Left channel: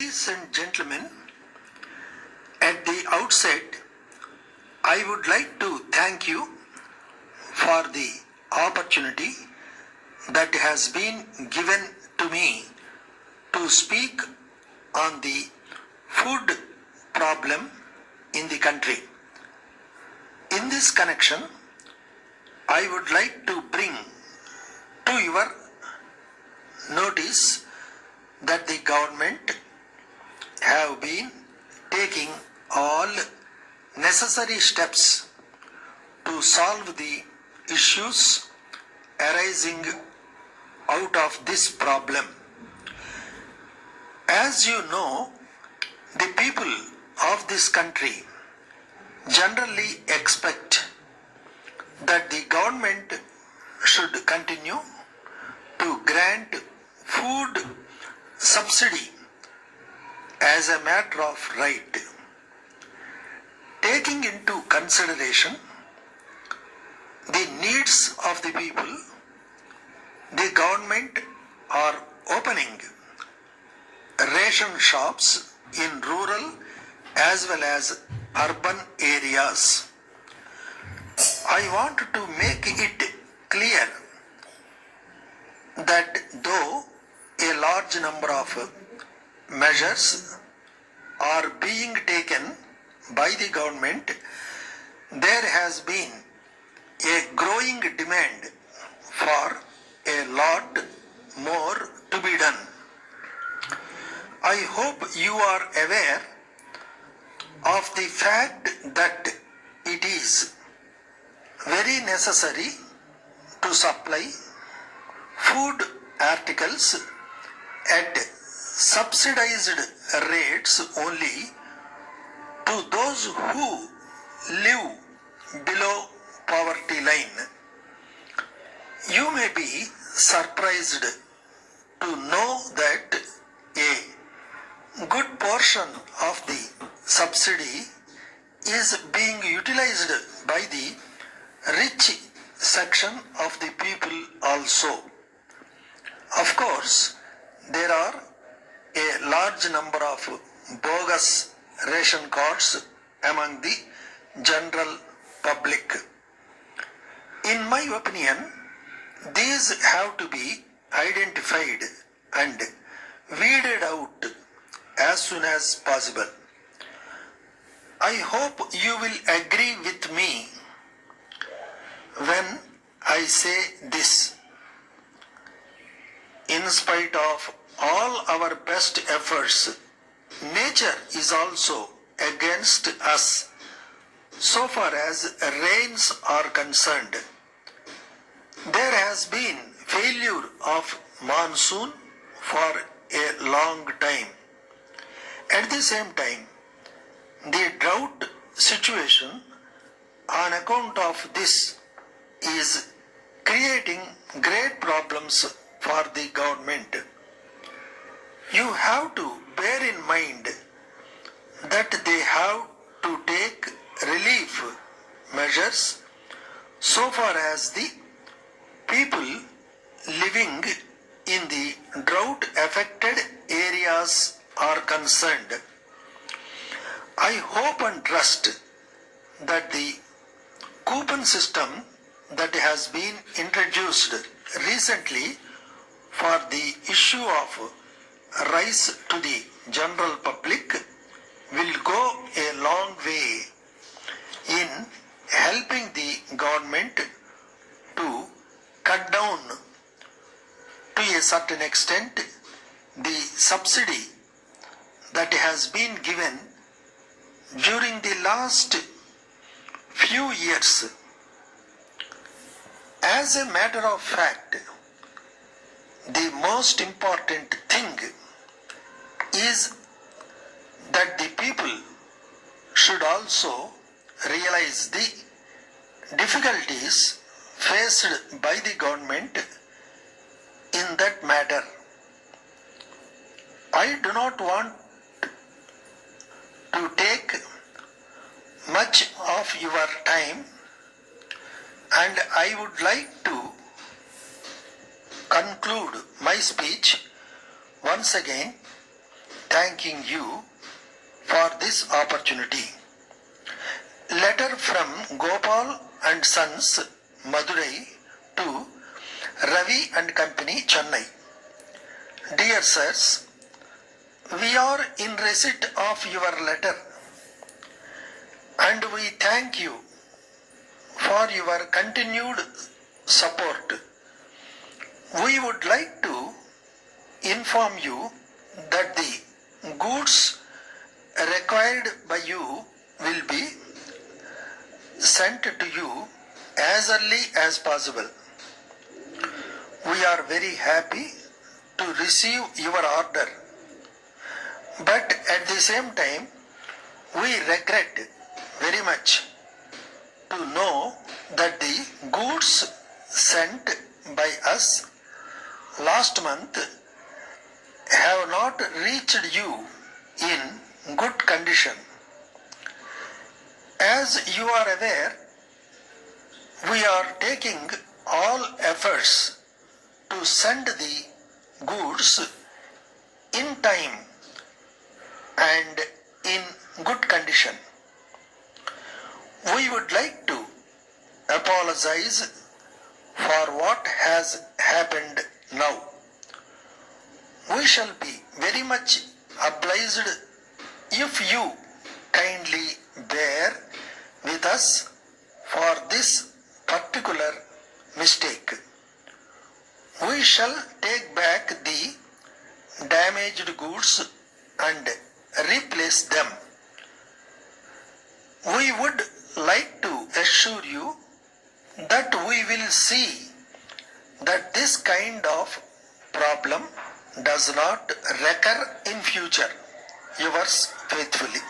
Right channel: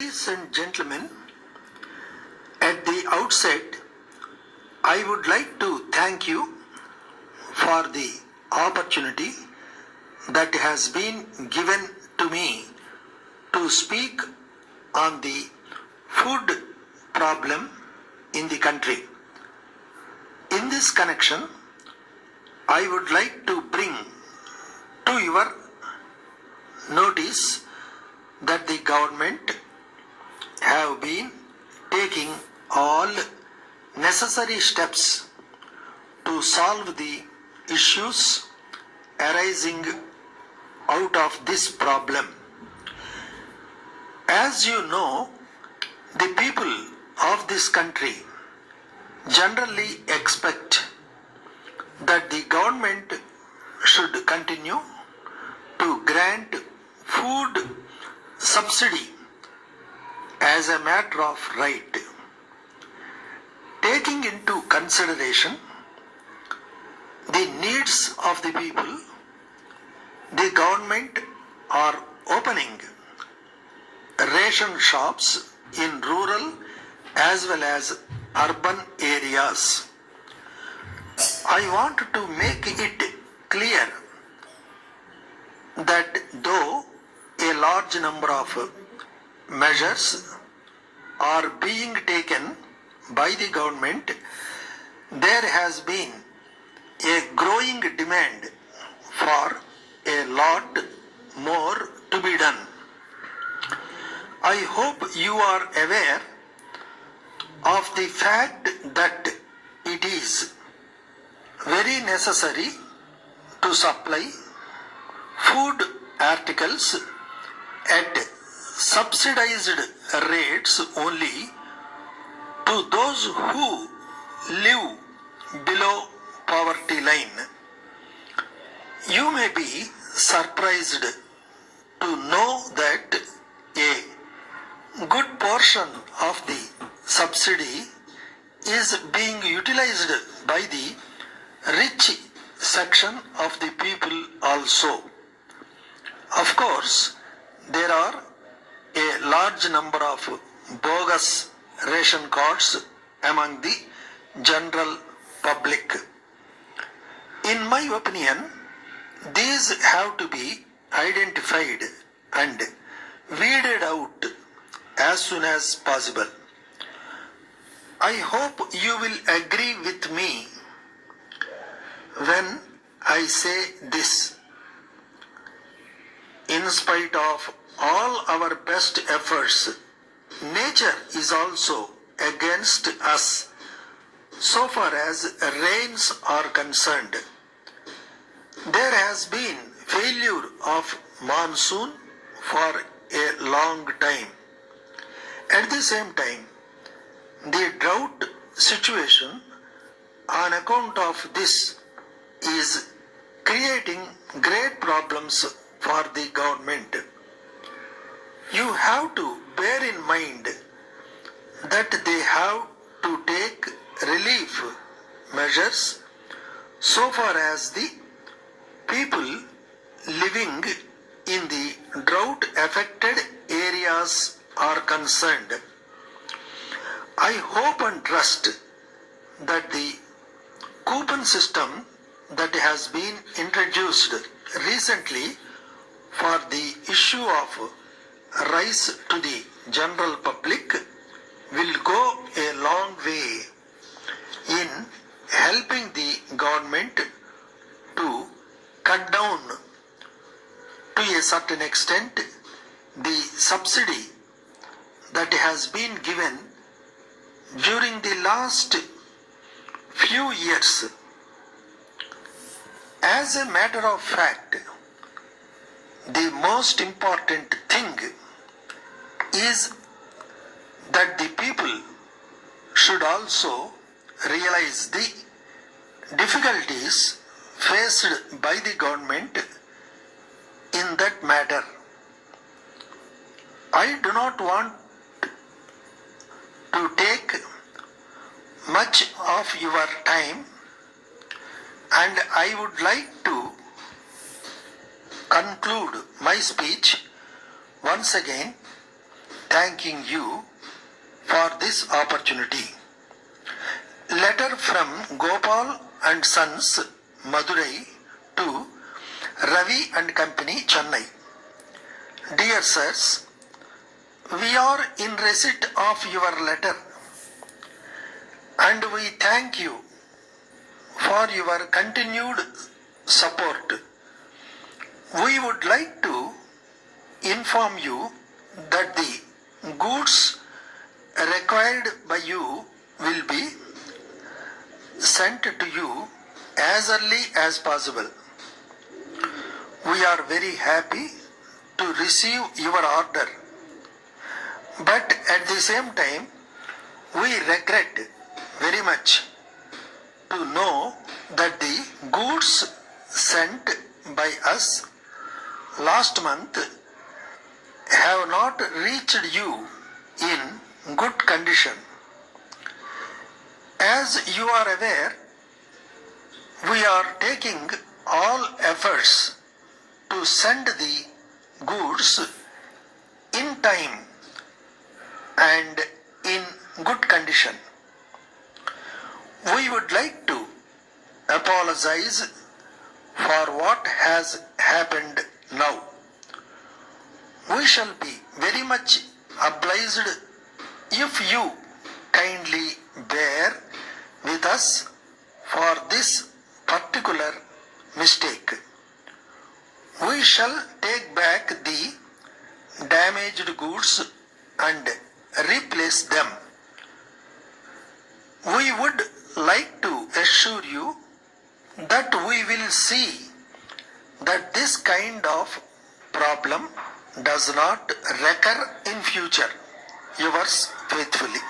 Ladies and gentlemen, at the outset, I would like to thank you for the opportunity that has been given to me to speak on the food problem in the country. In this connection, I would like to bring to your notice that the government have been taking all necessary steps to solve the issues arising out of this problem. As you know, the people of this country generally expect that the government should continue to grant food subsidy as a matter of right. Taking into consideration the needs of the people, the government are opening ration shops in rural as well as urban areas. I want to make it clear that though a large number of measures are being taken by the government, there has been a growing demand for a lot more to be done. I hope you are aware of the fact that it is very necessary to supply food articles at subsidized rates only to those who live below poverty line. You may be surprised to know that a good portion of the subsidy is being utilized by the rich section of the people also. Of course, there are a large number of bogus ration cards among the general public. In my opinion, these have to be identified and weeded out as soon as possible. I hope you will agree with me when I say this. In spite of all our best efforts, nature is also against us so far as rains are concerned. There has been failure of monsoon for a long time. At the same time, the drought situation on account of this is creating great problems for the government. You have to bear in mind that they have to take relief measures so far as the people living in the drought affected areas are concerned. I hope and trust that the coupon system that has been introduced recently for the issue of rice to the general public will go a long way in helping the government to cut down to a certain extent the subsidy that has been given during the last few years. As a matter of fact, the most important thing is that the people should also realize the difficulties faced by the government in that matter. I do not want to take much of your time, and I would like to conclude my speech once again thanking you for this opportunity. Letter from Gopal and Sons, Madurai to Ravi and Company, Chennai. Dear sirs, we are in receipt of your letter and we thank you for your continued support. We would like to inform you that the goods required by you will be sent to you as early as possible. We are very happy to receive your order, but at the same time we regret very much to know that the goods sent by us last month have not reached you in good condition. As you are aware, we are taking all efforts to send the goods in time and in good condition. We would like to apologize for what has happened now. We shall be very much obliged if you kindly bear with us for this particular mistake. We shall take back the damaged goods and replace them. We would like to assure you that we will see that this kind of problem does not recur in future. Yours faithfully.